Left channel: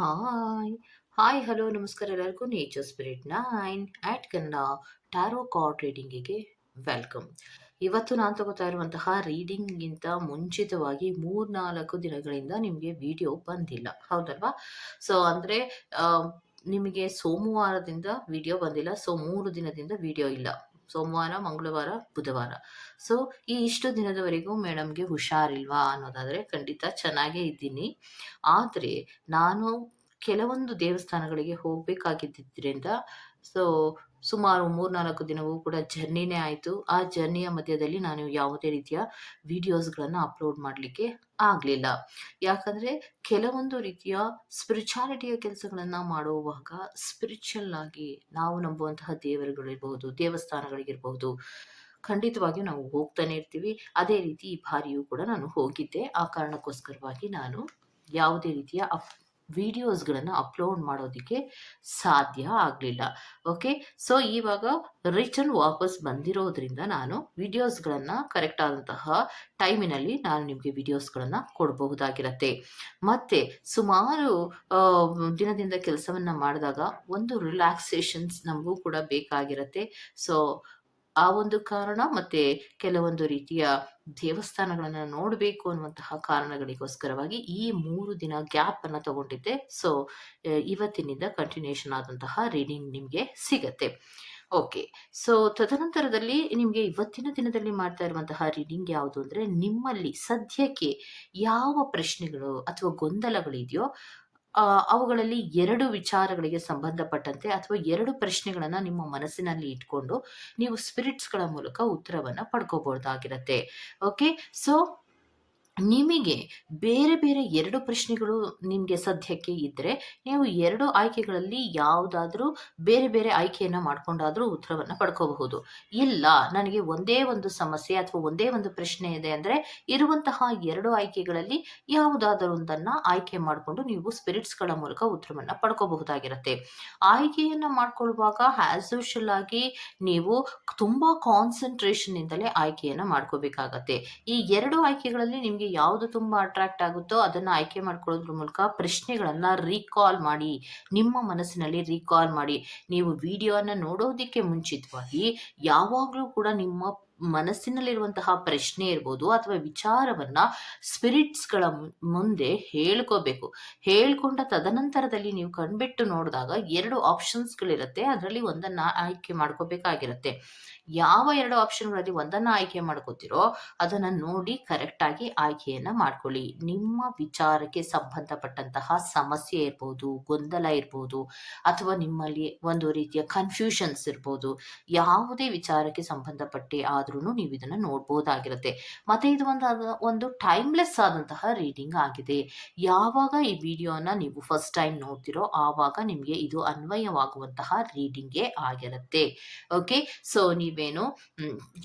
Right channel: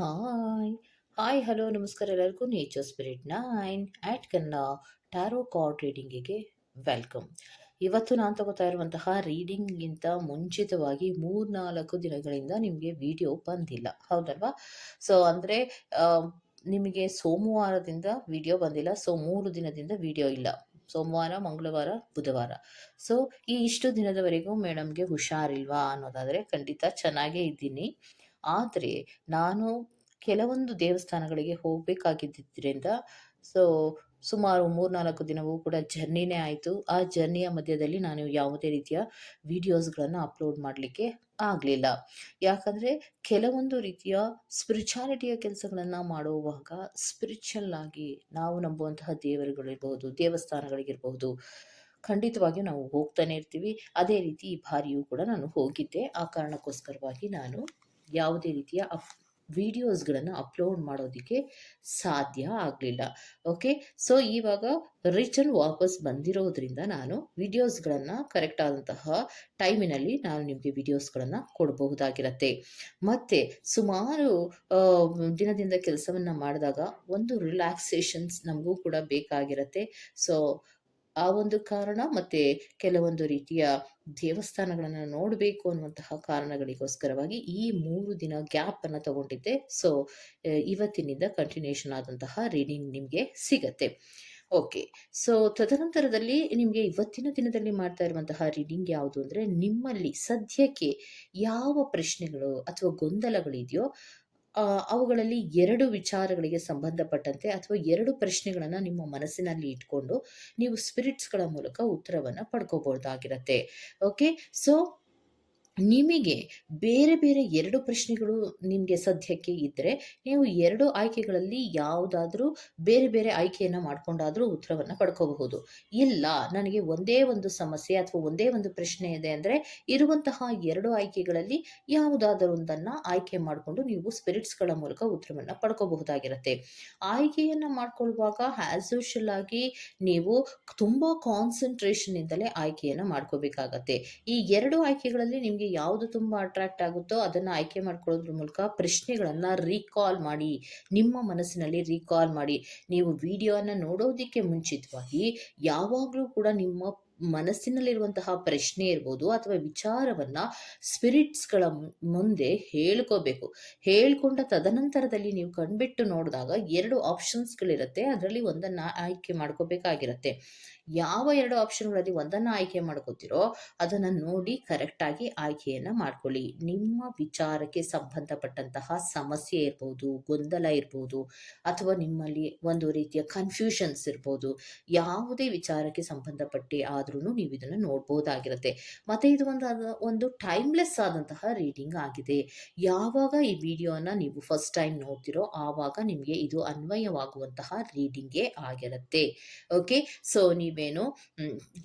Hi hi hello ನಮಸ್ಕಾರ ಎಲ್ಲರಿಗೂ nature spirit nine eight Kannada tarot card ರೀಡಿಂಗಿಗೆ welcome ಇವತ್ತು ನಾನು ತಗೋತಾ ಇರುವಂತಹ ರೀಡಿಂಗ್ಗಿಂತ ಮುಂಚಿತವಾಗಿ ಮೂರ್ನಾಲ್ಕು ದಿನಗಳಿಂದ ನಿಮಗೆ ವಿಡಿಯೋ ಬಂದಿಲ್ಲ. ಹೌದಲ್ವಾ? ಸೊ ಅಂದರೆ ನಿಮಗೆ ಸೋಮವಾರದಿಂದ ವಿಡಿಯೋ ಬಂದಿಲ್ಲ. ಸೊ ಮೂರು ದಿನದಿಂದ ವಿಡಿಯೋ ಇಲ್ಲ. ಸೋಮವಾರ, ಮಂಗಳವಾರ, ಬುಧವಾರ. ಸೊ ಈ ಇಷ್ಟು ದಿನದವರೆಗೂ ಮೇಡಮ್ಗೆ ಹುಷಾರಿಲ್ವಾ ಅನ್ನೋದಾದರೆ ಖಂಡಿತ ಚೆನ್ನಾಗೇ ಇದ್ದೀನಿ. ಆದರೆ ನಾನು ಕೆಲವೊಂದು ದೇವಸ್ಥಾನಗಳಿಗೆ ಹೋಗಬೇಕಾಗಿದ್ದರಿಂದ ಸೊ ಸುಮಾರು ಮೂರ್ನಾಲ್ಕು ದಿನವೂ ಕೂಡ ಜರ್ನಿನೇ ಆಯಿತು. ಆ ಜರ್ನಿಯ ಮಧ್ಯದಲ್ಲಿ ನಾನು ಯಾವುದೇ ರೀತಿಯ ವಿಡಿಯೋಸ್ಗಳನ್ನು ಅಪ್ಲೋಡ್ ಮಾಡಲಿಕ್ಕೆ ಆಗಲಿಲ್ಲ. ಯಾಕಂದರೆ ಕೆಲವೊಂದು ರೀತಿಯ ಸ್ಪಿರಿಚುಯಾಲಿಟಿಯ ಕೆಲಸಗಳನ್ನು ಮಾಡುವಾಗ ಸ್ಪಿರಿಚುವಲ್ ಆಗಿ ನಾವು ನಂಬುವಂತಹ ದೇವರುಗಳಿರ್ಬೋದು ದೇವಸ್ಥಾನಗಳಿಗಿರ್ಬೋದು ಖಂಡಿತವಾಗಿಯೂ ನಾವು ಹೋಗ್ತಾನೆ ಇರ್ತೀವಿ. ಅದೇ ರೀತಿ ಈ ಬಾರಿಯೂ ಕೂಡ ನಾನು ಹೋಗಿದ್ದೆ. ಆ ಕಾರಣಕ್ಕೋಸ್ಕರವಾಗಿ ನಾನು ಯಾವುದೇ ರೀತಿಯ ಅಪ್ ವಿಡಿಯೋಸ್ಗಳನ್ನು ಅಪ್ಲೋಡ್ ಮಾಡೋದಕ್ಕೆ ಸಾಧ್ಯ ಆಗಲಿಲ್ಲ. ಓಕೆ ಸೊ ಇವಾಗ ರಿಟರ್ನ್ ವಾಪಸ್ ಬಂದಿರೋದ್ರಿಂದ ನಾನು ವಿಡಿಯೋಸ್ಗಳನ್ನು ಕರೆಕ್ಟ್ ಆದಂತಹ ಟೈಮಿನಲ್ಲಿ ನಾನು ನಿಮಗೆ ವಿಡಿಯೋಸ್ಗಳನ್ನು ಕೊಡಬಹುದಾಗಿರತ್ತೆ. ಮತ್ತು ಸುಮಾರು ದಿನದಿಂದ ಕೆಲಸವನ್ನು ಮಾಡಿದಾಗ ಒಂದು ರಿಲ್ಯಾಕ್ಸೇಷನ್ಸ್ ನಮಗೂ ಕೂಡ ಬೇಕಾಗಿರತ್ತೆ. ಸೊ ಆ ಒಂದು ಕಾರಣ ಮತ್ತೆ ಕೆಲವೊಂದು ರೀತಿಯ ದೇವಸ್ಥಾನಗಳನ್ನು ನೋಡಬೇಕು ಅನ್ನುವಂತಹ ಕಾರಣಗಳಿಗೋಸ್ಕರವಾಗಿ ಈ ಮೂರು ದಿನ ಗ್ಯಾಪ್ ಗ್ಯಾಪನ್ನು ತಗೊಂಡಿದ್ದೆ. ಸೊ ಇವತ್ತಿನಿಂದ ಕಂಟಿನ್ಯೂಷನ್ ಆದಂತಹ ರೀಡಿಂಗ್ ನಿಮಗೆ ಸಿಗತ್ತೆ. ಓಕೆ ಸೊ ತದನಂತರದಲ್ಲಿ ನಿಮಗೆ ಇವತ್ತಿನ ದಿನದಲ್ಲಿ ಮಾಡ್ತಾ ಇರುವಂತಹ ರೀಡಿಂಗ್ ಯಾವುದು ಅಂದರೆ ನಿಮ್ಮಲ್ಲಿ ಸದ್ಯಕ್ಕೆ ಯಾವ ಪ್ರಶ್ನೆಗಳು ಅಥವಾ ಗೊಂದಲಗಳಿದೆಯೋ ಅವುಗಳಲ್ಲಿ ಎರಡು ವಿಚಾರಗಳಿಗೆ ಸಂಬಂಧಪಟ್ಟಂತೆ ಅಥವಾ ಎರಡು ಪ್ರಶ್ನೆಗಳನ್ನು ನಿಮ್ಮ ಮನಸ್ಸಿನಲ್ಲಿ ಇಟ್ಕೊಂಡು ನೀವು ಸ್ಪಿರಿಟ್ಸ್ಗಳ ಮೂಲಕ ಉತ್ತರವನ್ನು ಪಡ್ಕೋಬಹುದಾಗಿರತ್ತೆ ಓಕೆ ಸೊ ನಿಮಗೆ ಬೇರೆ ಬೇರೆ ಎರಡು ಪ್ರಶ್ನೆಗಳು ನಿಮಗೆ ಸದ್ಯಕ್ಕೆ ಇದ್ದರೆ ನೀವು ಎರಡು ಆಯ್ಕೆಗಳಲ್ಲಿ ಯಾವುದಾದ್ರೂ ಬೇರೆ ಬೇರೆ ಆಯ್ಕೆಯನ್ನು ಮಾಡಿಕೊಂಡಾದರೂ ಉತ್ತರವನ್ನು ಪಡ್ಕೋಬಹುದು. ಇಲ್ಲ, ನನಗೆ ಒಂದೇ ಒಂದು ಸಮಸ್ಯೆ ಅಥವಾ ಒಂದೇ ಒಂದು ಪ್ರಶ್ನೆ ಇದೆ ಅಂದರೆ ಇರುವಂತಹ ಎರಡು ಆಯ್ಕೆಗಳಲ್ಲಿ ಯಾವುದಾದರೂ ಒಂದನ್ನು ಆಯ್ಕೆ ಮಾಡಿಕೊಂಡು ನೀವು ಸ್ಪಿರಿಟ್ಸ್ಗಳ ಮೂಲಕ ಉತ್ತರವನ್ನು ಪಡ್ಕೋಬಹುದಾಗಿರುತ್ತೆ. ಆಯ್ಕೆಯನ್ನು ಮಾಡ್ಕೊಳ್ಳುವಾಗ ಆ್ಯಸ್ ಯೂಶಲ್ ಆಗಿ ನೀವು ತುಂಬ ಕಾನ್ಸಂಟ್ರೇಷನ್ನಿಂದಲೇ ಆಯ್ಕೆಯನ್ನು ಮಾಡ್ಕೋಬೇಕಾಗತ್ತೆ. ಈ ಎರಡು ಆಯ್ಕೆಗಳಲ್ಲಿ ನಿಮಗೆ ಯಾವುದು ತುಂಬ ಅಟ್ರಾಕ್ಟ್ ಆಗುತ್ತೋ ಅದನ್ನು ಆಯ್ಕೆ ಮಾಡ್ಕೊಳ್ಳೋದ್ರ ಮೂಲಕ ಪ್ರಶ್ನೆಗಳನ್ನು ರೀಕಾಲ್ ಮಾಡಿ, ನಿಮ್ಮ ಮನಸ್ಸಿನಲ್ಲಿ ರೀಕಾಲ್ ಮಾಡಿ. ನೀವು ವಿಡಿಯೋನ ನೋಡೋದಿಕ್ಕೆ ಮುಂಚಿತವಾಗಿ ಯಾವಾಗಲೂ ಕೂಡ ನಿಮ್ಮ ಮನಸ್ಸಿನಲ್ಲಿರುವಂತಹ ಪ್ರಶ್ನೆ ಇರ್ಬೋದು ಅಥವಾ ವಿಚಾರವನ್ನ ಸ್ಪಿರಿಟ್ಸ್ಗಳ ಮುಂದೆ ಹೇಳ್ಕೋಬೇಕು. ಹೇಳ್ಕೊಂಡ ತದನಂತರದಲ್ಲಿ ನೀವು ಕಣ್ಬಿಟ್ಟು ನೋಡಿದಾಗ ಎರಡು ಆಪ್ಷನ್ಸ್ಗಳಿರುತ್ತೆ ಅದರಲ್ಲಿ ಒಂದನ್ನು ಆಯ್ಕೆ ಮಾಡ್ಕೋಬೇಕಾಗಿರುತ್ತೆ. ಯಾವ ಎರಡು ಆಪ್ಷನ್ಗಳಲ್ಲಿ ಒಂದನ್ನು ಆಯ್ಕೆ ಮಾಡ್ಕೋತಿರೋ ಅದನ್ನು ನೋಡಿ ಕರೆಕ್ಟಾಗಿ ಆಯ್ಕೆಯನ್ನು ಮಾಡ್ಕೊಳ್ಳಿ. ನಿಮ್ಮ ವಿಚಾರಕ್ಕೆ ಸಂಬಂಧಪಟ್ಟಂತಹ ಸಮಸ್ಯೆ ಇರ್ಬೋದು, ಗೊಂದಲ ಇರ್ಬೋದು, ಅಥವಾ ನಿಮ್ಮಲ್ಲಿ ಒಂದು ರೀತಿಯ ಕನ್ಫ್ಯೂಷನ್ಸ್ ಇರ್ಬೋದು, ಯಾವುದೇ ವಿಚಾರಕ್ಕೆ ಸಂಬಂಧಪಟ್ಟು ಆದ್ರೂ ನೀವು ಇದನ್ನು ನೋಡ್ಬೋದಾಗಿರುತ್ತೆ. ಮತ್ತು ಇದು ಒಂದು ಒಂದು ಟೈಮ್ಲೆಸ್ ಆದಂತಹ ರೀಡಿಂಗ್ ಆಗಿದೆ. ಯಾವಾಗ ಈ ವಿಡಿಯೋನ ನೀವು ಫಸ್ಟ್ ಟೈಮ್ ನೋಡ್ತಿರೋ ಆವಾಗ ನಿಮಗೆ ಇದು ಅನ್ವಯವಾಗುವಂತಹ ರೀಡಿಂಗೇ ಆಗಿರುತ್ತೆ. ಓಕೆ ಸೊ ನೀವೇನು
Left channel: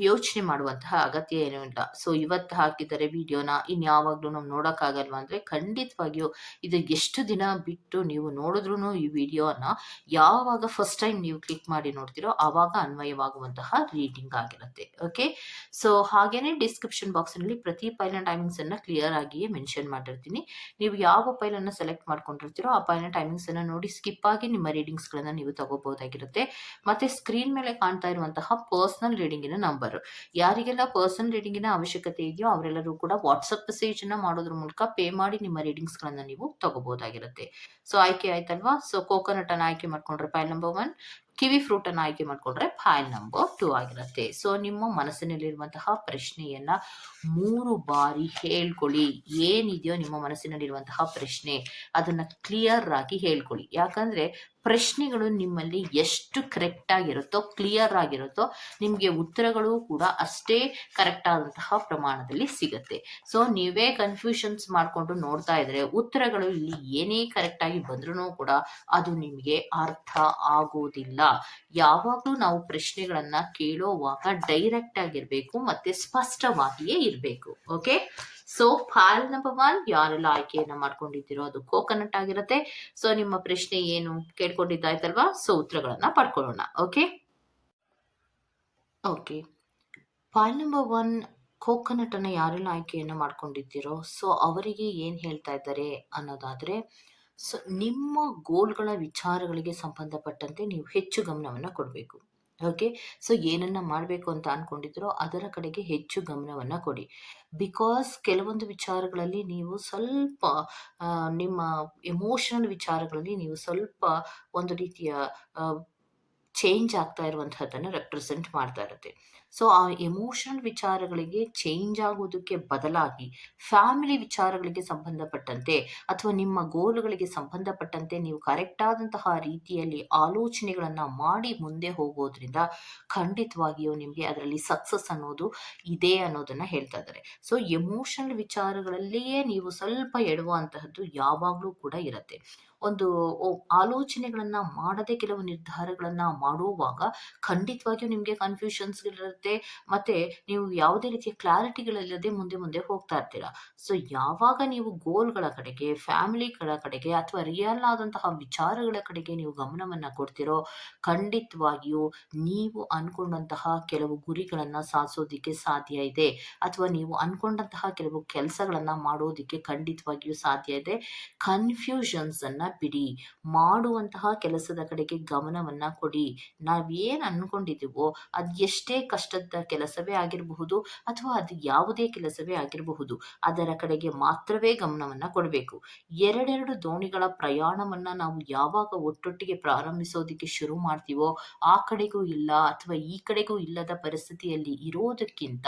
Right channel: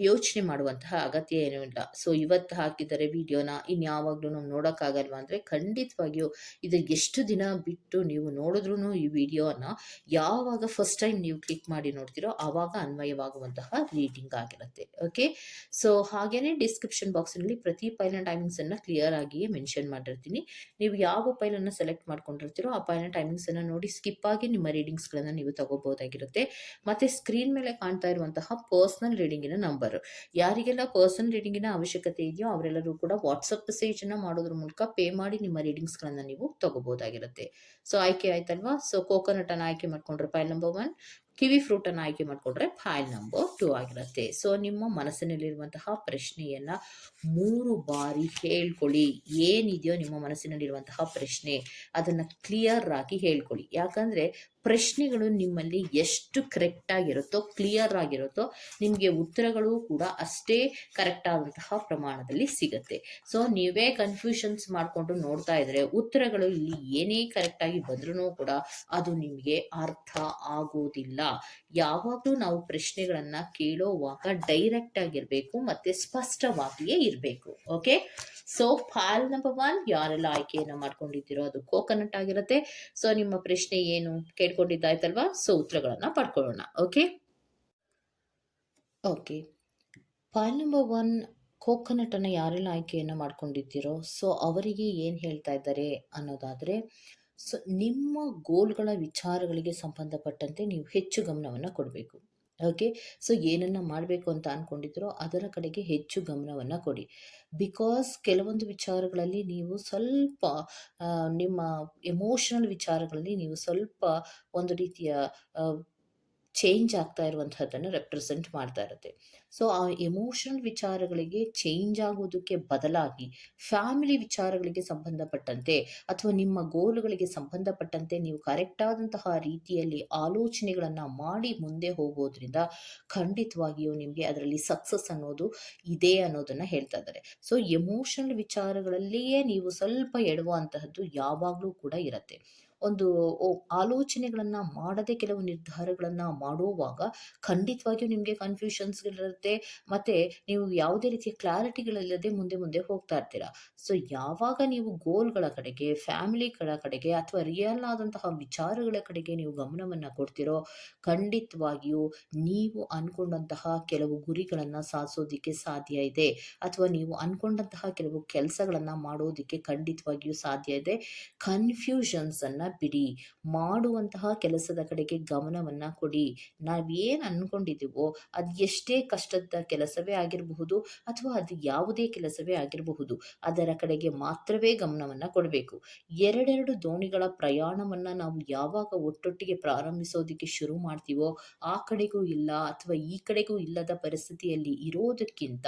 ಯೋಚನೆ ಮಾಡುವಂತಹ ಅಗತ್ಯ ಏನೂ ಇಲ್ಲ. ಸೊ ಇವತ್ತು ಹಾಕಿದರೆ ವಿಡಿಯೋನ ಇನ್ಯಾವಾಗಲೂ ನಾವು ನೋಡೋಕ್ಕಾಗಲ್ವಾ ಅಂದರೆ ಖಂಡಿತವಾಗಿಯೂ ಇದು ಎಷ್ಟು ದಿನ ಬಿಟ್ಟು ನೀವು ನೋಡಿದ್ರೂ ಈ ವಿಡಿಯೋನ ಯಾವಾಗ ಫಸ್ಟ್ ಟೈಮ್ ನೀವು ಕ್ಲಿಕ್ ಮಾಡಿ ನೋಡ್ತೀರೋ ಆವಾಗ ಅನ್ವಯವಾಗುವಂತಹ ರೀಡಿಂಗ್ ಆಗಿರುತ್ತೆ. ಓಕೆ ಸೊ, ಹಾಗೇನೆ ಡಿಸ್ಕ್ರಿಪ್ಷನ್ ಬಾಕ್ಸ್ನಲ್ಲಿ ಪ್ರತಿ ಫೈಲ್ನ ಟೈಮಿಂಗ್ಸನ್ನು ಕ್ಲಿಯರ್ ಆಗಿಯೇ ಮೆನ್ಷನ್ ಮಾಡಿರ್ತೀನಿ. ನೀವು ಯಾವ ಪೈಲನ್ನು ಸೆಲೆಕ್ಟ್ ಮಾಡ್ಕೊಂಡಿರ್ತೀರೋ ಆ ಫೈಲ್ನ ಟೈಮಿಂಗ್ಸನ್ನು ನೋಡಿ ಸ್ಕಿಪ್ ಆಗಿ ನಿಮ್ಮ ರೀಡಿಂಗ್ಸ್ಗಳನ್ನು ನೀವು ತಗೋಬಹುದಾಗಿರುತ್ತೆ. ಮತ್ತು ಸ್ಕ್ರೀನ್ ಮೇಲೆ ಕಾಣ್ತಾ ಇರುವಂತಹ ಪರ್ಸ್ನಲ್ ರೀಡಿಂಗಿನ ನಂಬರ್ ಯಾರಿಗೆಲ್ಲ ಪರ್ಸನಲ್ ರೀಡಿಂಗಿನ ಅವಶ್ಯಕತೆ ಇದೆಯೋ ಅವರೆಲ್ಲರೂ ಕೂಡ ವಾಟ್ಸಪ್ ಮೆಸೇಜನ್ನು ಮಾಡೋದ್ರ ಮೂಲಕ ಪೇ ಮಾಡಿ ನಿಮ್ಮ ರೀಡಿಂಗ್ಸ್ಗಳನ್ನು ನೀವು ತಗೋಬಹುದಾಗಿರುತ್ತೆ. ಸೊ ಆಯ್ಕೆ ಆಯ್ತಲ್ವಾ? ಸೊ ಕೋಕೋನಟ್ ಅನ್ನು ಆಯ್ಕೆ ಮಾಡ್ಕೊಂಡ್ರೆ file number one kiwi fruit ಅನ್ನು ಆಯ್ಕೆ ಮಾಡ್ಕೊಂಡ್ರೆ ಫೈಲ್ ನಂಬರ್ ಟೂ ಆಗಿರುತ್ತೆ. ಸೊ ನಿಮ್ಮ ಮನಸ್ಸಿನಲ್ಲಿರುವಂತಹ ಪ್ರಶ್ನೆಯನ್ನ ಮೂರು ಬಾರಿ ಹೇಳ್ಕೊಳ್ಳಿ. ಏನಿದೆಯೋ ನಿಮ್ಮ ಮನಸ್ಸಿನಲ್ಲಿರುವಂತಹ ಪ್ರಶ್ನೆ, ಅದನ್ನ ಕ್ಲಿಯರ್ ಆಗಿ ಹೇಳ್ಕೊಳ್ಳಿ. ಯಾಕಂದ್ರೆ ಪ್ರಶ್ನೆಗಳು ನಿಮ್ಮಲ್ಲಿ ಎಷ್ಟು ಕರೆಕ್ಟ್ ಆಗಿರುತ್ತೋ ಕ್ಲಿಯರ್ ಆಗಿರುತ್ತೋ, ನಿಮಗೆ ಉತ್ತರಗಳು ಕೂಡ ಅಷ್ಟೇ ಕರೆಕ್ಟ್ ಆದಂತಹ ಪ್ರಮಾಣದಲ್ಲಿ ಸಿಗುತ್ತೆ. ಸೊ ನೀವೇ ಕನ್ಫ್ಯೂಷನ್ಸ್ ಮಾಡಿಕೊಂಡು ನೋಡ್ತಾ ಇದ್ರೆ ಉತ್ತರಗಳು ಇಲ್ಲಿ ಏನೇ ಕರೆಕ್ಟಾಗಿ ಬಂದ್ರೂ ಕೂಡ ಅದು ನಿಮಗೆ ಅರ್ಥ ಆಗೋದಿಲ್ಲ. ಯಾವಾಗಲೂ ನಾವು ಪ್ರಶ್ನೆಗಳನ್ನ ಕೇಳೋವಾಗ ಡೈರೆಕ್ಟ್ ಆಗಿರಬೇಕು ಮತ್ತೆ ಸ್ಪಷ್ಟವಾಗಿಯೇ ಇರಬೇಕು. Okay so file number one ಯಾರೆಲ್ಲ ಆಯ್ಕೆಯನ್ನು ಮಾಡ್ಕೊಂಡಿದ್ದೀರೋ ಅದು ಕೋಕೋನಟ್ ಆಗಿರುತ್ತೆ. ಸೊ ನಿಮ್ಮ ಪ್ರಶ್ನೆ ಏನು? ಕೇಳ್ಕೊಂಡಿದ್ದಾಯ್ತಲ್ವಾ? ಸೊ ಉತ್ತರಗಳನ್ನ ಪಡ್ಕೊಳ್ಳೋಣ okay okay file number one ಕೋಕೋನಟನ್ನು ಯಾರೆಲ್ಲ ಆಯ್ಕೆಯನ್ನು ಮಾಡ್ಕೊಂಡಿದ್ದೀರೋ ಸೊ ಅವರಿಗೆ ಏನು ಹೇಳ್ತಾ ಇದ್ದಾರೆ ಅನ್ನೋದಾದರೆ ಸೊ ನಿಮ್ಮ ಗೋಲ್‌ಗಳ ವಿಚಾರಗಳಿಗೆ ಸಂಬಂಧಪಟ್ಟಂತೆ ನೀವು ಹೆಚ್ಚು ಗಮನವನ್ನು ಕೊಡಬೇಕು. ಓಕೆ. ಸೊ ಏನನ್ನ ಮಾಡಬೇಕು ಅಂತ ಅಂದ್ಕೊಂಡಿದ್ರೋ ಅದರ ಕಡೆಗೆ ಹೆಚ್ಚು ಗಮನವನ್ನ ಕೊಡಿ. ಬಿಕಾಸ್ ಕೆಲವೊಂದು ವಿಚಾರಗಳಲ್ಲಿ ನೀವು ಸ್ವಲ್ಪ ನಿಮ್ಮ ಎಮೋಷನಲ್ ವಿಚಾರಗಳಲ್ಲಿ ನೀವು ಸ್ವಲ್ಪ ಒಂದು ರೀತಿಯ ಚೇಂಜ್ ಆಗ್ತಾ ಇರುವಂತಹದ್ದನ್ನು ರೆಪ್ರೆಸೆಂಟ್ ಮಾಡ್ತಾ ಇರುತ್ತೆ. ಸೊ, ಆ ಎಮೋಷನಲ್ ವಿಚಾರಗಳಿಗೆ ಚೇಂಜ್ ಆಗೋದಕ್ಕೆ ಬದಲಾಗಿ ಫ್ಯಾಮಿಲಿ ವಿಚಾರಗಳಿಗೆ ಸಂಬಂಧಪಟ್ಟಂತೆ ಅಥವಾ ನಿಮ್ಮ ಗೋಲುಗಳಿಗೆ ಸಂಬಂಧಪಟ್ಟಂತೆ ನೀವು ಕರೆಕ್ಟ್ ಆದಂತಹ ರೀತಿಯಲ್ಲಿ ಆಲೋಚನೆಗಳನ್ನ ಮಾಡಿ ಮುಂದೆ ಹೋಗೋದ್ರಿಂದ ಖಂಡಿತವಾಗಿಯೂ ನಿಮಗೆ ಅದರಲ್ಲಿ ಸಕ್ಸಸ್ ಅನ್ನೋದು ಇದೆ ಅನ್ನೋದನ್ನ ಹೇಳ್ತಾ ಇದ್ದಾರೆ. ಸೊ ಎಮೋಷನಲ್ ವಿಚಾರಗಳಲ್ಲಿಯೇ ನೀವು ಸ್ವಲ್ಪ ಎಡುವಂತಹದ್ದು ಯಾವಾಗಲೂ ಕೂಡ ಇರತ್ತೆ. ಒಂದು ಆಲೋಚನೆಗಳನ್ನು ಮಾಡದೆ ಕೆಲವು ನಿರ್ಧಾರಗಳನ್ನ ಮಾಡುವಾಗ ಖಂಡಿತವಾಗಿಯೂ ನಿಮ್ಗೆ ಕನ್‌ಫ್ಯೂಷನ್ಸ್‌ಗಳಿರುತ್ತೆ. ಮತ್ತೆ ನೀವು ಯಾವುದೇ ರೀತಿಯ ಕ್ಲಾರಿಟಿಗಳಿಲ್ಲದೆ ಮುಂದೆ ಮುಂದೆ ಹೋಗ್ತಾ ಇರ್ತೀರಾ. ಸೊ ಯಾವಾಗ ನೀವು ಗೋಲ್‌ಗಳ ಕಡೆಗೆ, ಫ್ಯಾಮಿಲಿಗಳ ಕಡೆಗೆ ಅಥವಾ ರಿಯಲ್ ಆದಂತಹ ವಿಚಾರಗಳ ಕಡೆಗೆ ನೀವು ಗಮನವನ್ನ ಕೊಡ್ತಿರೋ ಖಂಡಿತವಾಗಿಯೂ ನೀವು ಅನ್ಕೊಂಡಂತಹ ಕೆಲವು ಗುರಿಗಳನ್ನ ಸಾಧಿಸೋದಿಕ್ಕೆ ಸಾಧ್ಯ ಇದೆ. ಅಥವಾ ನೀವು ಅನ್ಕೊಂಡಂತಹ ಕೆಲವು ಕೆಲಸಗಳನ್ನ ಮಾಡೋದಿಕ್ಕೆ ಖಂಡಿತವಾಗಿಯೂ ಸಾಧ್ಯ ಇದೆ. ಕನ್‌ಫ್ಯೂಷನ್ಸ್ ಬಿಡಿ. ಮಾಡುವಂತಹ ಕೆಲಸದ ಕಡೆಗೆ ಗಮನವನ್ನು ಕೊಡಿ. ನಾವೇನು ಅಂದ್ಕೊಂಡಿದ್ದೀವೋ ಅದ್ ಎಷ್ಟೇ ಕಷ್ಟದ ಕೆಲಸವೇ ಆಗಿರಬಹುದು ಅಥವಾ ಅದು ಯಾವುದೇ ಕೆಲಸವೇ ಆಗಿರಬಹುದು. ಅದರ ಕಡೆಗೆ ಮಾತ್ರವೇ ಗಮನವನ್ನು ಕೊಡಬೇಕು. ಎರಡೆರಡು ದೋಣಿಗಳ ಪ್ರಯಾಣವನ್ನು ನಾವು ಯಾವಾಗ ಒಟ್ಟೊಟ್ಟಿಗೆ ಪ್ರಾರಂಭಿಸೋದಿಕ್ಕೆ ಶುರು ಮಾಡ್ತೀವೋ, ಆ ಕಡೆಗೂ ಇಲ್ಲ ಅಥವಾ ಈ ಕಡೆಗೂ ಇಲ್ಲದ ಪರಿಸ್ಥಿತಿಯಲ್ಲಿ ಇರೋದಕ್ಕಿಂತ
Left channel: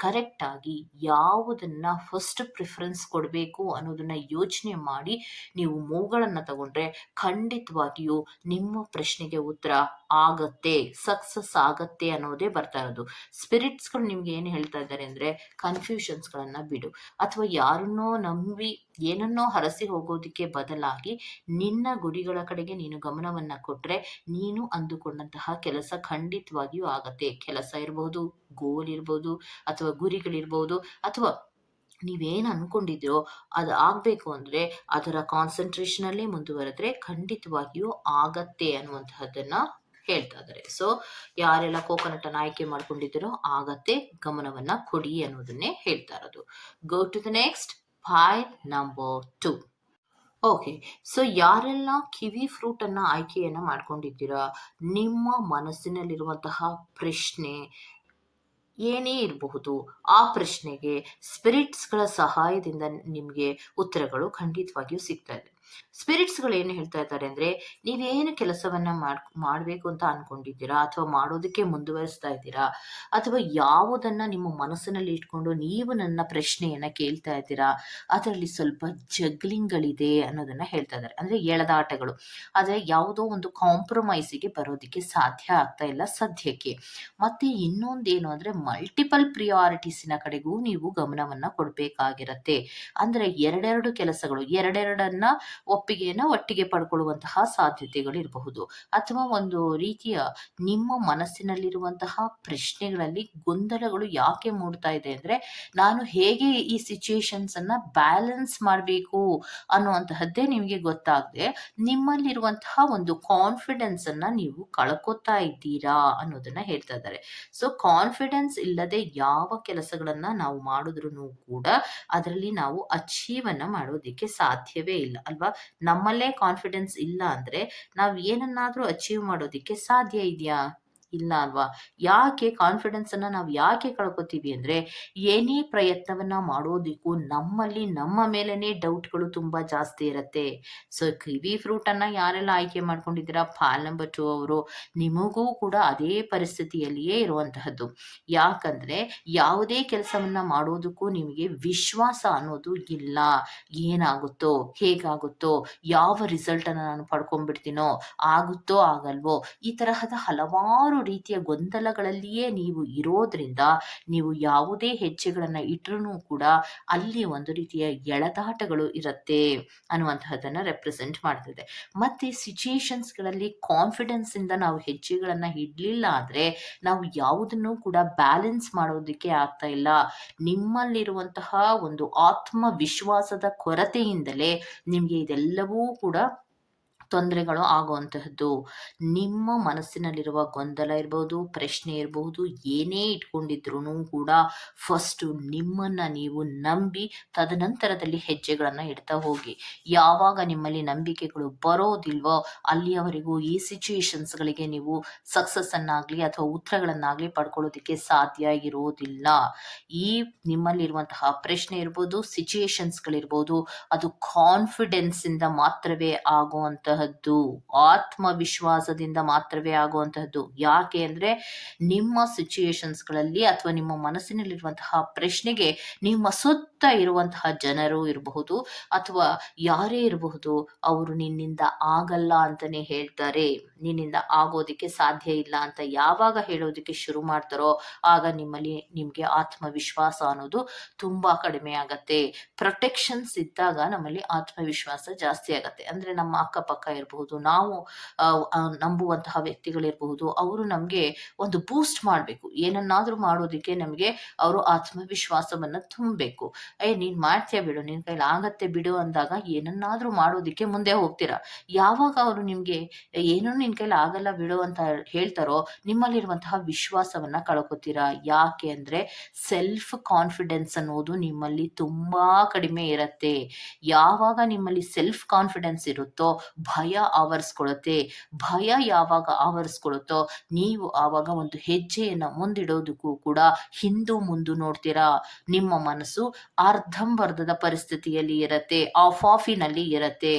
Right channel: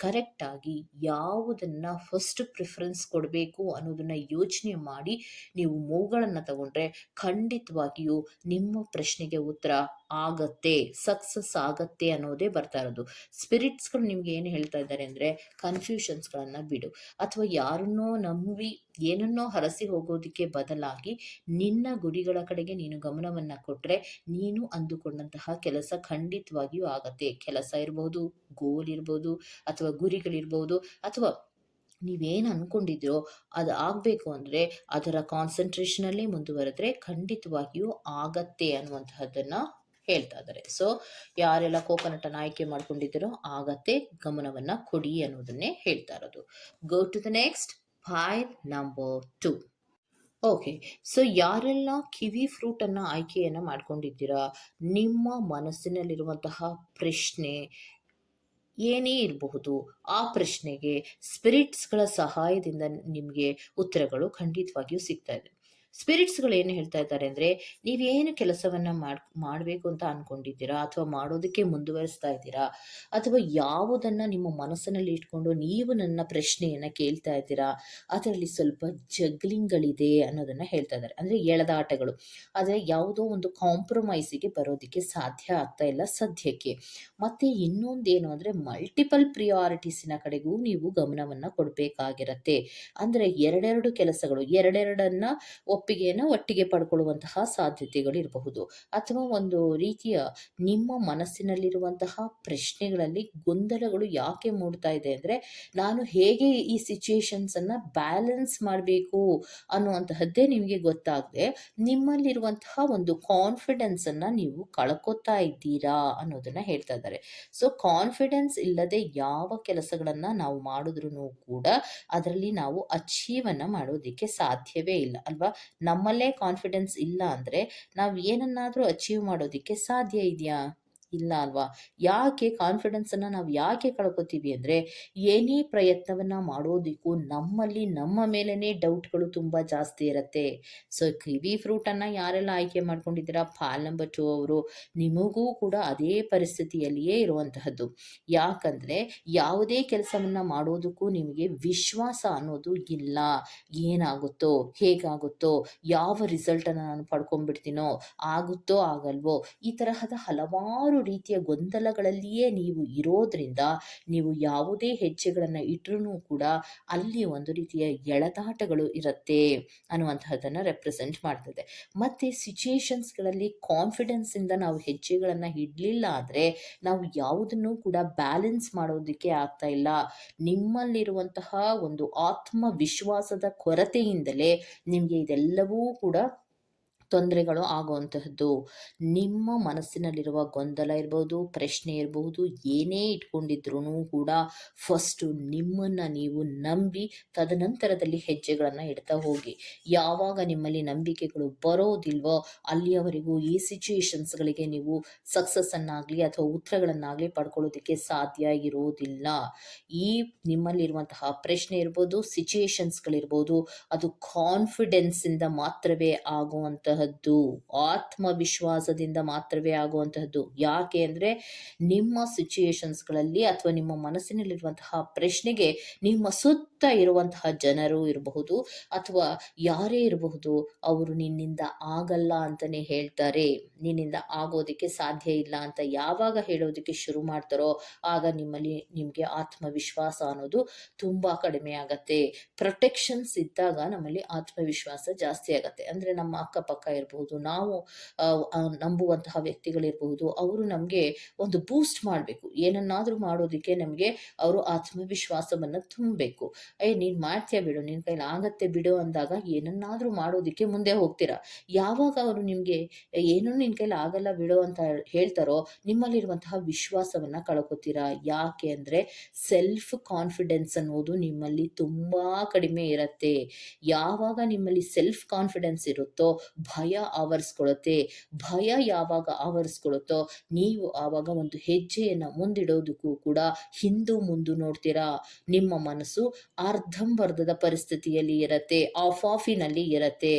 ಕರೆಕ್ಟ್ ಆಗಿ ಯಾವುದನ್ನ ಫಸ್ಟ್ ಪ್ರಿಫರೆನ್ಸ್ ಕೊಡಬೇಕು ಅನ್ನೋದನ್ನ ಯೋಚನೆ ಮಾಡಿ ನೀವು ಮೂವ್ಗಳನ್ನು ತಗೊಂಡ್ರೆ ಖಂಡಿತವಾಗಿಯೂ ನಿಮ್ಮ ಪ್ರಶ್ನೆಗೆ ಉತ್ತರ ಆಗತ್ತೆ. ಸಕ್ಸಸ್ ಆಗತ್ತೆ ಅನ್ನೋದೇ ಬರ್ತಾ ಇರೋದು. ಸ್ಪಿರಿಟ್ಸ್‌ಗಳು ನಿಮ್ಗೆ ಏನು ಹೇಳ್ತಾ ಇದ್ದಾರೆ ಅಂದ್ರೆ ಕನ್‌ಫ್ಯೂಷನ್ಸ್‌ಗಳನ್ನ ಬಿಡು. ಅಥವಾ ಯಾರನ್ನೋ ನಂಬಿ ಏನನ್ನೋ ಹರಸಿ ಹೋಗೋದಕ್ಕೆ ಬದಲಾಗಿ ನಿನ್ನ ಗುರಿಗಳ ಕಡೆಗೆ ನೀನು ಗಮನವನ್ನ ಕೊಟ್ಟರೆ ನೀನು ಅಂದುಕೊಂಡಂತಹ ಕೆಲಸ ಖಂಡಿತವಾಗಿಯೂ ಆಗತ್ತೆ. ಕೆಲಸ ಇರ್ಬೋದು ಗೋಲ್ ಇರ್ಬೋದು, ಅಥವಾ ಗುರಿಗಳಿರ್ಬಹುದು ಅಥವಾ ನೀವೇನು ಅಂದ್ಕೊಂಡಿದ್ರೋ ಅದು ಆಗಬೇಕು ಅಂದರೆ ಅದರ ಕಾನ್ಸಂಟ್ರೇಷನಲ್ಲೇ ಮುಂದುವರೆದ್ರೆ ಖಂಡಿತವಾಗಿಯೂ ಆಗತ್ತೆ ಅನ್ನುವಂತಹದ್ದನ್ನು ಹೇಳ್ತಾ ಇದ್ದಾರೆ. ಸೊ ಯಾರೆಲ್ಲ ಕೋಕೋನಟ್ ಅನ್ನ ಆಯ್ಕೆ ಮಾಡ್ಕೊಂಡಿದ್ದೀರೋ ಆಗತ್ತೆ. ಗಮನವನ್ನ ಕೊಡಿ ಅನ್ನೋದನ್ನೇ ಹೇಳ್ತಾ ಇರೋದು. Go to the next file number two okay. So ಯಾರೆಲ್ಲ ಕಿವಿ ಫ್ರೂಟ್ ಅನ್ನ ಆಯ್ಕೆಯನ್ನ ಮಾಡ್ಕೊಂಡಿದ್ದೀರಾ, ನಿಮ್ಮ ಮನಸ್ಸಿನಲ್ಲಿರುವಂತಹ ಪ್ರಶ್ನೆ ಏನೇ ಇರಬಹುದು, ಆ ಪ್ರಶ್ನೆಗೆ ಸ್ಪಿರಿಟ್ಸ್‌ಗಳ ಸಹಾಯದಿಂದ ನಿಮಗೆ ಉತ್ತರಗಳು ಖಂಡಿತವಾಗಿಯೂ ಸಿಗ್ತಾ ಇದೆ. ಸ್ಪಿರಿಟ್ಸ್‌ಗಳು ಏನು ಹೇಳ್ತಾ ಇದ್ದಾರೆ ಅಂದ್ರೆ, ನೀವೇನು ಕೆಲಸವನ್ನ ಮಾಡ್ ಮಾಡ್ಬೇಕು ಅಂತ ಅನ್ಕೊಂಡಿದ್ದೀರಾ ಅಥವಾ ಮಾಡೋದಕ್ಕೆ ಮುಂದುವರಿಸ್ತಾ ಇದ್ದೀರಾ ಅಥವಾ ಯಾವುದನ್ನ ನಿಮ್ಮ ಮನಸ್ಸಿನಲ್ಲಿ ಇಟ್ಕೊಂಡು ನೀವು ನನ್ನ ಪ್ರಶ್ನೆಯನ್ನು ಕೇಳ್ತಾ ಇದ್ದೀರಾ, ಅದರಲ್ಲಿ ಸ್ವಲ್ಪ ಜಗ್ಲಿಂಗ್‌ಗಳಿದೆ ಅನ್ನೋದನ್ನ ಹೇಳ್ತಾ ಇದ್ದಾರೆ. ಅಂದ್ರೆ ಎಳೆದಾಟಗಳು. ಆದರೆ ಯಾವುದೋ ಒಂದು ಕಾಂಪ್ರಮೈಸಿಗೆ ಬರೋದಕ್ಕೆ ಸಾಧ್ಯ ಆಗ್ತಾ ಇಲ್ಲ ಸದ್ಯಕ್ಕೆ. ಮತ್ತೆ ಇನ್ನೊಂದೇನು ಅಂದ್ರೆ ಮಲ್ಟಿಪಲ್ ಪ್ರಿಯಾರಿಟೀಸಿನ ಕಡೆಗೂ ನೀವು ಗಮನವನ್ನ ಕೊಡಬೇಕಾಗಿರತ್ತೆ ಅಂದ್ರೆ ಎರಡೆರಡು ಕೆಲಸಗಳು, ಎರಡೆರಡನ್ನ ಒಪ್ಪಿಗೆಯನ್ನ ಒಟ್ಟಿಗೆ ಪಡ್ಕೊಳ್ಳುವಂತಹ ಸಾಧ್ಯತೆಗಳಿರಬಹುದು. ಅಥವಾ ಒಂದು ರೀತಿಯ ನಿಮ್ಮ ಮನಸ್ಸಿನಲ್ಲಿರುವಂತಹ ಪ್ರಶ್ನೆಗಳಲ್ಲಿ ಗೊಂದಲಗಳು ಯಾಕೆ ಮೂಡ್ತಾ ಇದೆ ಅಂದರೆ ನಾನು ಹೇಗೆ ಈ ಸಿಚುಯೇಷನ್ಸ್ ಅನ್ನ ಬ್ಯಾಲೆನ್ಸ್ ಮಾಡಬೇಕು ಅನ್ನುವಂತಹದ್ದೇ ನಿಮಗೆ ಗೊತ್ತಾಗದೆ, ನಿಮ್ಮಲ್ಲಿರುವಂತಹ ಒಂದು ಕಾನ್ಫಿಡೆನ್ಸ್ ಅನ್ನ ನೀವು ಕಳ್ಕೊತಾ ಇದ್ದೀರಾ ಅನ್ನೋದನ್ನ ಹೇಳ್ತಾ ಇದ್ದಾರೆ. ಸೊ ಕಾನ್ಫಿಡೆನ್ಸ್ ಇಲ್ಲದೆ ಯಾವ ಕೆಲಸಗಳನ್ನ ನಾವು ಮಾಡಿದ್ರು ಕೂಡ ಅದರಲ್ಲಿ ನಾವು ಅಚೀವ್ ಅನ್ನ ಮಾಡೋದಿಕ್ಕೆ ಸಾಧ್ಯವೇ ಇಲ್ಲ ಅಲ್ವಾ? ನಮ್ಮಲ್ಲೇ ಕಾನ್ಫಿಡೆನ್ಸ್ ಇಲ್ಲ ಅಂದ್ರೆ ನಾವ್ ಏನನ್ನಾದ್ರೂ ಅಚೀವ್ ಮಾಡೋದಿಕ್ಕೆ ಸಾಧ್ಯ ಇದ್ಯಾ? ಇಲ್ಲ ಅಲ್ವಾ? ಯಾಕೆ ಕಾನ್ಫಿಡೆನ್ಸ್ ಅನ್ನ ನಾವು ಯಾಕೆ ಕಳ್ಕೊತೀವಿ ಅಂದ್ರೆ, ಏನೇ ಪ್ರಯತ್ನವನ್ನ ಮಾಡೋದಕ್ಕೂ ನಮ್ಮಲ್ಲಿ ನಮ್ಮ ಮೇಲೇ ಡೌಟ್‌ಗಳು ತುಂಬಾ ಜಾಸ್ತಿ ಇರತ್ತೆ. ಸೊ ಕಿವಿ ಫ್ರೂಟ್ ಅನ್ನ ಯಾರೆಲ್ಲ ಆಯ್ಕೆ ಮಾಡ್ಕೊಂಡಿದ್ದೀರಾ ಫಾಲ್ ನಂಬರ್ 2 ಅವರು, ನಿಮಗೂ ಕೂಡ ಅದೇ ಪರಿಸ್ಥಿತಿಯಲ್ಲಿಯೇ ಇರುವಂತಹದ್ದು. ಯಾಕಂದ್ರೆ ಯಾವುದೇ ಕೆಲಸವನ್ನ ಮಾಡೋದಕ್ಕೂ ನಿಮಗೆ ವಿಶ್ವಾಸ ಅನ್ನೋದು ಇಲ್ಲ. ಏನಾಗುತ್ತೋ? ಹೇಗಾಗುತ್ತೋ? ಯಾವ ರಿಸಲ್ಟ್ ಅನ್ನ ನಾನು ಪಡ್ಕೊಂಡ್ಬಿಡ್ತೀನೋ? ಆಗುತ್ತೋ? ಆಗಲ್ವೋ? ಈ ತರಹದ ಹಲವಾರು ರೀತಿಯ ಗೊಂದಲಗಳಲ್ಲಿಯೇ ನೀವು ಇರೋದ್ರಿಂದ, ನೀವು ಯಾವುದೇ ಹೆಜ್ಜೆಗಳನ್ನು ಇಟ್ಟರೂ ಕೂಡ ಅಲ್ಲಿ ಒಂದು ರೀತಿಯ ಎಳೆದಾಟಗಳು ಇರುತ್ತೆ ಅನ್ನುವಂತಹದ್ದನ್ನು ರೆಪ್ರೆಸೆಂಟ್ ಮಾಡ್ತದೆ ಮತ್ತೆ ಸಿಚುಯೇಷನ್ಸ್ಗಳಲ್ಲಿ ಕಾನ್ಫಿಡೆನ್ಸ್ ಇಂದ ನಾವು ಹೆಜ್ಜೆಗಳನ್ನ ಇಡಲಿಲ್ಲ ಆದ್ರೆ ನಾವು ಯಾವುದನ್ನು ಕೂಡ ಬ್ಯಾಲೆನ್ಸ್ ಮಾಡೋದಕ್ಕೆ ಆಗ್ತಾ ಇಲ್ಲ. ನಿಮ್ಮಲ್ಲಿರುವಂತಹ ಒಂದು ಆತ್ಮವಿಶ್ವಾಸದ ಕೊರತೆಯಿಂದಲೇ ನಿಮಗೆ ಇದೆಲ್ಲವೂ ಕೂಡ ತೊಂದರೆಗಳು ಆಗುವಂತಹದ್ದು. ನಿಮ್ಮ ಮನಸ್ಸಿನಲ್ಲಿರುವ ಗೊಂದಲ ಇರ್ಬೋದು, ಪ್ರಶ್ನೆ ಇರಬಹುದು ಏನೇ ಇಟ್ಕೊಂಡಿದ್ರೂ ಕೂಡ ಫಸ್ಟು ನಿಮ್ಮನ್ನು ನೀವು ನಂಬಿ ತದನಂತರದಲ್ಲಿ ಹೆಜ್ಜೆಗಳನ್ನು ಇಡ್ತಾ ಹೋಗಿ. ಯಾವಾಗ ನಿಮ್ಮಲ್ಲಿ ನಂಬಿಕೆಗಳು ಬರೋದಿಲ್ವೋ, ಅಲ್ಲಿಯವರೆಗೂ ಈ ಸಿಚುಯೇಷನ್ಸ್ಗಳಿಗೆ ನೀವು ಸಕ್ಸಸ್ಸನ್ನಾಗಲಿ ಅಥವಾ ಉತ್ತರಗಳನ್ನಾಗಲಿ ಪಡ್ಕೊಳ್ಳೋದಕ್ಕೆ ಸಾಧ್ಯ ಇರೋದಿಲ್ಲ. ಈ ನಿಮ್ಮಲ್ಲಿರುವಂತಹ ಪ್ರಶ್ನೆ ಇರ್ಬೋದು ಸಿಚುಯೇಷನ್ಸ್ಗಳಿರ್ಬೋದು ಅದು ಕಾನ್ಫಿಡೆನ್ಸಿಂದ ಮಾತ್ರವೇ ಆಗುವಂತಹದ್ದು ಆತ್ಮವಿಶ್ವಾಸದಿಂದ ಮಾತ್ರವೇ ಆಗುವಂತಹದ್ದು. ಯಾಕೆ ಅಂದರೆ ನಿಮ್ಮ ಸಿಚುಯೇಷನ್ಸ್ಗಳಲ್ಲಿ ಅಥವಾ ನಿಮ್ಮ ಮನಸ್ಸಿನಲ್ಲಿರುವಂತಹ ಪ್ರಶ್ನೆಗೆ ನಿಮ್ಮ ಸುತ್ತ ಇರುವಂತಹ ಜನರು ಇರಬಹುದು ಅಥವಾ ಯಾರೇ ಇರಬಹುದು, ಅವರು ನಿನ್ನಿಂದ ಆಗಲ್ಲ ಅಂತಾನೆ ಹೇಳ್ತಾರೆ. ನಿನ್ನಿಂದ ಆಗೋದಕ್ಕೆ ಸಾಧ್ಯ ಇಲ್ಲ ಅಂತ ಯಾವಾಗ ಹೇಳೋದಕ್ಕೆ ಶುರು ಮಾಡ್ತಾರೋ, ಆಗ ನಿಮ್ಮಲ್ಲಿ ನಿಮಗೆ ಆತ್ಮವಿಶ್ವಾಸ ಅನ್ನೋದು ತುಂಬ ಕಡಿಮೆ ಆಗತ್ತೆ. ಪ್ರೊಟೆಕ್ಷನ್ಸ್ ಇದ್ದಾಗ ನಮ್ಮಲ್ಲಿ ಆತ್ಮವಿಶ್ವಾಸ ಜಾಸ್ತಿ ಆಗತ್ತೆ. ಅಂದರೆ ನಮ್ಮ ಅಕ್ಕಪಕ್ಕ ಇರಬಹುದು, ನಾವು ನಂಬುವಂತಹ ವ್ಯಕ್ತಿಗಳಿರಬಹುದು, ಅವರು ನಮಗೆ ಒಂದು ಬೂಸ್ಟ್ ಮಾಡಬೇಕು. ಏನನ್ನಾದರೂ ಮಾಡೋದಕ್ಕೆ ನಮಗೆ ಅವರು ಆತ್ಮವಿಶ್ವಾಸವನ್ನು ತುಂಬಬೇಕು. ಏ, ನೀನ್ ಮಾಡ್ತೀಯ ಬಿಡು, ನಿನ್ ಕೈಲಿ ಆಗತ್ತೆ ಬಿಡು ಅಂದಾಗ ಏನನ್ನಾದರೂ ಮಾಡೋದಿಕ್ಕೆ ಮುಂದೆ ಹೋಗ್ತೀರಾ. ಯಾವಾಗ ಅವರು ನಿಮಗೆ ಏನೂ ನಿನ್ ಕೈಲಿ ಆಗಲ್ಲ ಬಿಡು ಅಂತ ಹೇಳ್ತಾರೋ, ನಿಮ್ಮಲ್ಲಿರುವಂತಹ ವಿಶ್ವಾಸವನ್ನ ಕಳ್ಕೊತೀರಾ. ಯಾಕೆ ಅಂದ್ರೆ ಸೆಲ್ಫ್ ಕಾನ್ಫಿಡೆನ್ಸ್ ಅನ್ನೋದು ನಿಮ್ಮಲ್ಲಿ ತುಂಬಾ ಕಡಿಮೆ ಇರುತ್ತೆ. ಯಾವಾಗ ನಿಮ್ಮಲ್ಲಿ ಸೆಲ್ಫ್ ಕಾನ್ಫಿಡೆನ್ಸ್ ಇರುತ್ತೋ, ಭಯ ಆವರಿಸ್ಕೊಳತ್ತೆ. ಭಯ ಯಾವಾಗ ಆವರಿಸ್ಕೊಳುತ್ತೋ, ನೀವು ಆವಾಗ ಒಂದು ಹೆಜ್ಜೆಯನ್ನ ಮುಂದಿಡೋದಕ್ಕೂ ಕೂಡ ಹಿಂದು ಮುಂದು ನೋಡ್ತೀರಾ. ನಿಮ್ಮ ಮನಸ್ಸು ಅರ್ಧಂಬರ್ಧದ ಪರಿಸ್ಥಿತಿಯಲ್ಲಿ ಇರತ್ತೆ ಆಫ್ ಆಫಿನಲ್ಲಿ ಇರತ್ತೆ.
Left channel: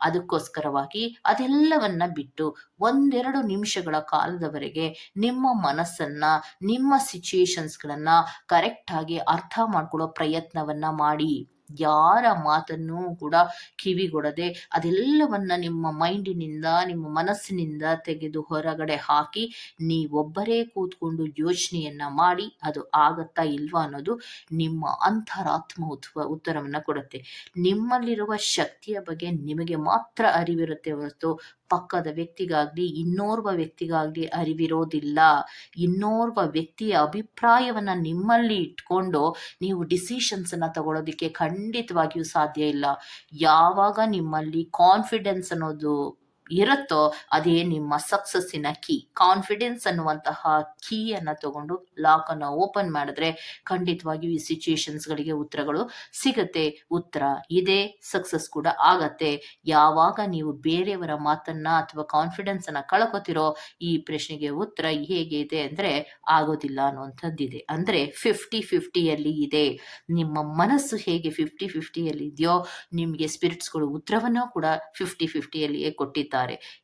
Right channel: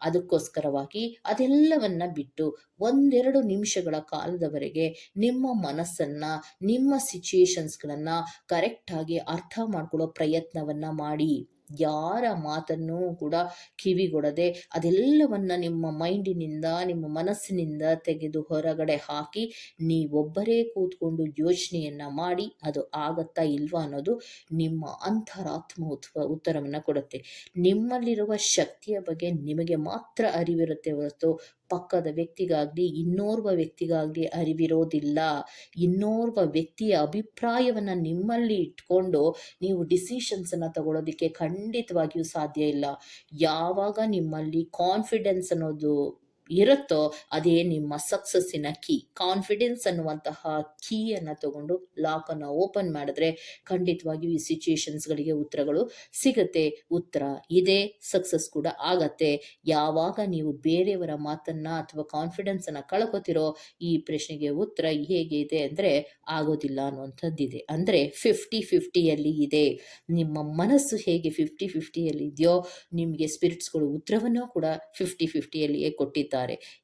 ಅದಕ್ಕೋಸ್ಕರವಾಗಿ ಅದೆಲ್ಲವನ್ನ ಬಿಟ್ಟು ಒಂದೆರಡು ನಿಮಿಷಗಳ ಕಾಲದವರೆಗೆ ನಿಮ್ಮ ಮನಸ್ಸನ್ನ, ನಿಮ್ಮ ಸಿಚುಯೇಷನ್ಸ್ಗಳನ್ನು ಕರೆಕ್ಟಾಗಿ ಅರ್ಥ ಮಾಡ್ಕೊಳ್ಳೋ ಪ್ರಯತ್ನವನ್ನ ಮಾಡಿ. ಯಾರ ಮಾತನ್ನು ಕೂಡ ಕಿವಿಗೊಡದೆ ಅದೆಲ್ಲವನ್ನ ನಿಮ್ಮ ಮೈಂಡಿನಿಂದ, ನಿಮ್ಮ ಮನಸ್ಸಿನಿಂದ ತೆಗೆದು ಹೊರಗಡೆ ಹಾಕಿ ನೀವೊಬ್ಬರೇ ಕೂತ್ಕೊಂಡು ಯೋಚನೆಯನ್ನ ಮಾಡಿ ಅದು ಆಗತ್ತಾ ಇಲ್ವಾ ಅನ್ನೋದು ನಿಮ್ಮ ಅಂತರಾತ್ಮ ಉತ್ವ, ಉತ್ತರವನ್ನು ಕೊಡುತ್ತೆ. ನಿಮ್ಮಲ್ಲಿರುವ ಶಕ್ತಿಯ ಬಗ್ಗೆ ನಿಮಗೆ ಮಾತ್ರ ಅರಿವಿರುತ್ತೆ ಹೊರತು ಪಕ್ಕದ ವ್ಯಕ್ತಿಗಾಗಲಿ, ಇನ್ನೋರ್ವ ವ್ಯಕ್ತಿಗಾಗಲಿ ಅರಿವಿರೋದಿಲ್ಲ. ಇನ್ನೋರ್ವ ವ್ಯಕ್ತಿಯ ಅಭಿಪ್ರಾಯವನ್ನು ನಿಮ್ಮಲ್ಲಿ ಇಟ್ಕೊಂಡು ನೀವು ಡಿಸಿಷನ್ಸನ್ನು ತಗೊಳ್ಳೋದಕ್ಕೆ ಖಂಡಿತವಾಗಿಯೂ ಸಾಧ್ಯ ಇಲ್ಲ. ಯಾವಾಗ ನಿಮ್ಮಲ್ಲಿ ಕಾನ್ಫಿಡೆನ್ಸ್ ಅನ್ನೋದು ಇರುತ್ತೋ ಅದೇ ನಿಮ್ಮ ಸಕ್ಸಸ್ಸಿನ ಕೀ ಕಾನ್ಫಿಡೆನ್ಸ್ ಅನ್ನುವಂತಹ ಕೀಯನ್ನು ತಗೊಂಡು ಲಾಕನ್ನು ಓಪನ್ ಮಾಡಿದ್ರೆ ಖಂಡಿತವಾಗಿಯೂ ಈ ಸಿಚುಯೇಷನ್ಸ್ಗಳಿಗೆ ಉತ್ತರಗಳು ಸಿಗುತ್ತೆ. ಉತ್ತರ ಇದೆ ಸಕ್ಸಸ್ ಕೂಡ ಆಗತ್ತೆ. ಯಾವಾಗ ನೀವು ಬೇರೆಯವರ ಮಾತನ್ನ ಅಥವಾ ಕಾನ್ಫಿಡೆನ್ಸ್ ಅನ್ನ ಕಳ್ಕೊತಿರೋ ಈ ಪ್ರಶ್ನೆಗೆ ಉತ್ತರ ಹೇಗೆ ಇದೆ ಅಂದ್ರೆ ಆಗೋದಿಲ್ಲ ಅನ್ನುವಂಥದ್ದಿದೆ. ಅಂದ್ರೆ ಫಿಫ್ಟಿ ಫಿಫ್ಟಿಯಲ್ಲಿ ಇದೆ. ನಿಮ್ಮ ಮನಸ್ಸು ಹೇಗೆ ಫಿಫ್ಟಿ ಫಿಫ್ಟಿಯಲ್ಲಿ ಇದೆಯೋ ನಿಮಗೆ ಸ್ಪಿರಿಟ್ಸ್ಗಳು ಉತ್ತರವನ್ನು ಕೂಡ ಫಿಫ್ಟಿ ಫಿಫ್ಟಿಯಲ್ಲಿಯೇ ಕೊಟ್ಟಿದ್ದಾರೆ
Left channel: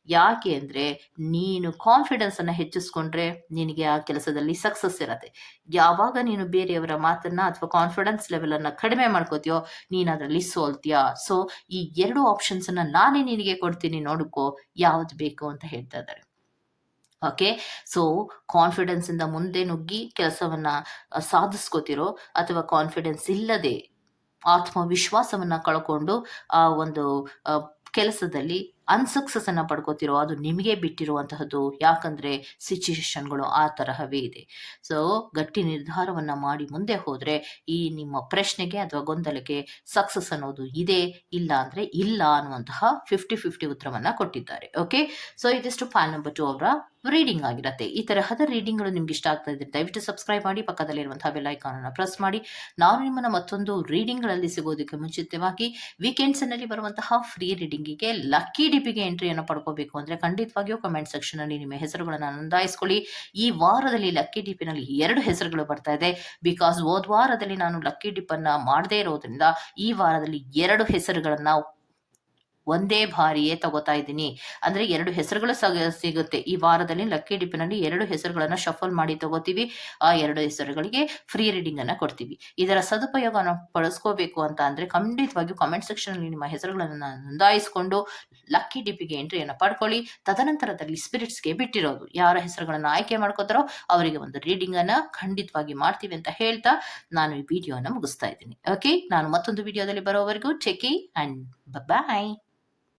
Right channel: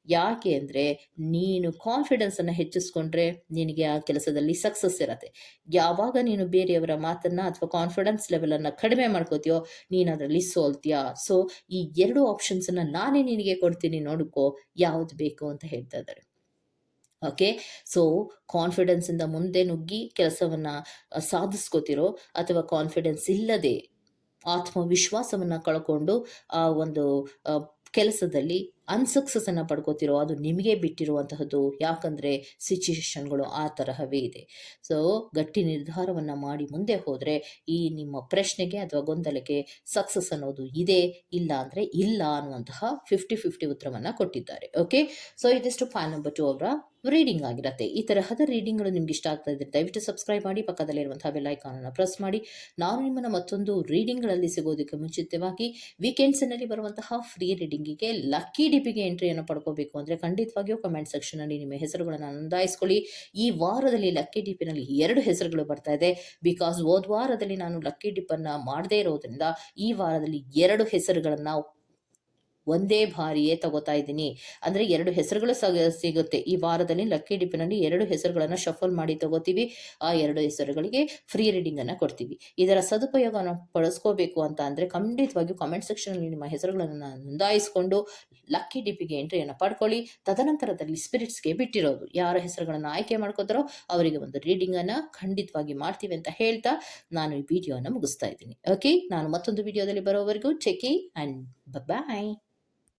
ಯಾಕೆ ಅಂದರೆ ನೀನು ಕಾನ್ಫಿಡೆನ್ಸನ್ನು ಹೆಚ್ಚಿಸ್ಕೊಂಡ್ರೆ ನಿನಗೆ ಆ ಕೆಲಸದಲ್ಲಿ ಸಕ್ಸಸ್ ಇರತ್ತೆ. ಯಾವಾಗ ನೀನು ಬೇರೆಯವರ ಮಾತನ್ನ ಅಥವಾ ಕಾನ್ಫಿಡೆನ್ಸ್ ಲೆವೆಲನ್ನು ಕಡಿಮೆ ಮಾಡ್ಕೋತೀಯೋ ನೀನು ಅದರಲ್ಲಿ ಸೋಲ್ತೀಯಾ? ಸೊ ಈ ಎರಡು ಆಪ್ಷನ್ಸ್ ಅನ್ನ ನಾನೇ ನಿನಗೆ ಕೊಡ್ತೀನಿ ನೋಡ್ಕೋ, ಯಾವ್ದು ಬೇಕು ಅಂತ ಹೇಳ್ತಾ ಇದ್ದಾರೆ. ಓಕೆ ಸೊ ಕಾನ್ಫಿಡೆನ್ಸಿಂದ ಮುಂದೆ ನುಗ್ಗಿ ಕೆಲಸವನ್ನ ಸಾಧಿಸ್ಕೋತಿರೋ ಅಥವಾ ಕಾನ್ಫಿಡೆನ್ಸ್ ಇಲ್ಲದೆ ಆತ್ಮವಿಶ್ವಾಸವನ್ನ ಕಳ್ಕೊಂಡು ಆ ಒಂದು ಕೆಲಸದಲ್ಲಿ ಅನ್ಸಕ್ಸಸ್ಸನ್ನು ಪಡ್ಕೋತಿರೋ, ಅದು ನಿಮಗೆ ಬಿಟ್ಟಿರುವಂತಹದ್ದು. ಯಾಕಂದರೆ ಸಿಚುಯೇಷನ್ಗಳು ಆ ತರಹವೇ ಇದೆ. ಸೊ ಗಟ್ಟಿ ನಿರ್ಧಾರವನ್ನು ಮಾಡಿ ಮುಂದೆ ಹೋದರೆ, ಈ ನಿಮ್ಮ ಪ್ರಶ್ನೆಗೆ ಅಥವಾ ಗೊಂದಲಕ್ಕೆ ಸಕ್ಸಸ್ ಅನ್ನೋದು ಇದೆ, ಇಲ್ಲ ಅಂದರೆ ಇಲ್ಲ ಅನ್ನುವಂತಹ ಫಿಫ್ಟಿ ಫಿಫ್ಟಿ ಉತ್ತರವನ್ನು ಕೊಟ್ಟಿದ್ದಾರೆ. ಓಕೆ ಸೊ ಇದಿಷ್ಟು ಫ್ಯಾನ್ ನಂಬರ್ ಟು ಅವರ ರೀಡಿಂಗ್ ಆಗಿರುತ್ತೆ. ಈ ತರಹದ ರೀಡಿಂಗ್ಗಳು ನಿಮ್ಗೆ ಇಷ್ಟ ಆಗ್ತಾ ಇದ್ರೆ ದಯವಿಟ್ಟು ಸಬ್ಸ್ಕ್ರೈಬ್ ಮಾಡಿ ಪಕ್ಕದಲ್ಲಿರುವಂತಹ ಬೆಲ್ ಐಕಾನನ್ನು ಪ್ರೆಸ್ ಮಾಡಿ. ನಾನು ನಿಮ್ಮನ್ನು ಮತ್ತೊಂದು ರೀಡಿಂಗ್ಗಳಲ್ಲಿ ಸಿಗೋದಕ್ಕೆ ಮುಂಚಿತವಾಗಿ ವೀಕೆಂಡ್ಸ್ನಲ್ಲಿ ಬರುವಂತಹ ಫ್ರೀ ರೀಡಿಂಗಿಗೆ ಲಕ್ಕಿ ಡಿಪಿಗೆ ಎಂಟ್ರಿಯನ್ನು ಪಡ್ಕೋಬೇಕು ಅಂದರೆ ಖಂಡಿತವಾಗಿಯೂ ಕಮೆಂಟ್ ಸೆಕ್ಷನಲ್ಲಿ ನಿಮ್ಮ ಹೆಸರುಗಳನ್ನು ನೋಂದಾಯಿಸ್ಕೊಳ್ಳಿ. ಈ ವಾರದಲ್ಲಿ ಲಕ್ಕಿ ಡಿಪಿನಲ್ಲಿ ಎರಡು ಹೆಸರುಗಳು ಬರ್ತಾ ಇದೆ. ಬಿಕಾಸ್ ಹೋದ ವಾರದಲ್ಲಿ ನಾನು ಲಕ್ಕಿ ಡಿಪ್ಪನ್ನು ಮಾಡದೇ ಇರೋದ್ರಿಂದ ಈ ವಾರದಲ್ಲಿ ಎರಡು ಹೆಸರುಗಳನ್ನು ಒಂದೇ ಬಾರಿಯೇ ತಗೋತಾ ಇದ್ದೀನಿ. ಅಂದರೆ ಎರಡು ಹೆಸರುಗಳು ಸಗ, ಸಿಗುತ್ತೆ. ಈ ವಾರದಲ್ಲಿ ಲಕ್ಕಿ ಡಿಪ್ಪಿನಲ್ಲಿ ಎರಡು ಹೆಸರುಗಳನ್ನು ಶಫಲ್ ಮಾಡಿ ತಗೋತೀವಿ. ಆ ಎರಡು ಹೆಸರುಗಳಿಗೆ ಫ್ರೀ ರೀಡಿಂಗನ್ನು ಕೊಡ್ತೀವಿ. ಇದರ ಸದುಪಯೋಗವನ್ನು ಬಳಸ್ಕೋಬೇಕು ಅಂತ ಅಂದರೆ ಖಂಡಿತವಾಗಿಯೂ ಕಮೆಂಟ್ ಸೆಕ್ಷನಲ್ಲಿ ನಿಮ್ಮ ಹೆಸರುಗಳನ್ನು ನೋಂದಾಯಿಸಿಕೊಂಡು ಲಕ್ಕಿ ಡಿಪ್ಪಿಗೆ ಎಂಟ್ರಿಯನ್ನು ಪಡ್ಕೊಳ್ಳಿ. ತದನಂತರದಲ್ಲಿ ಸ್ಪಿರಿಟ್ಸ್ಗೆ ಬಿಟ್ಟಿರೋದು. ಯಾರ ಹೆಸರುಗಳನ್ನು ಆಯ್ಕೆ ಮಾಡ್ಕೋತಾರೋ ಅವರಿಗೆ ಒಂದು ರೀಡಿಂಗನ್ನು ಖಂಡಿತವಾಗಿ ಮಾಡ್ತೀವಿ ಅಂತ ಹೇಳ್ತಾ ನಾನು ಈ ವಿಡಿಯೋನ ಮುಗಿಸ್ತಾ ಇದ್ದೀನಿ. ಓಕೆ ನಾನು ಮತ್ತೊಂದು ವಿಡಿಯೋದಲ್ಲಿ ಬರೋವರೆಗೂ ಚೆಕಿ ಆ್ಯಂಡ್ ಬಾಯ್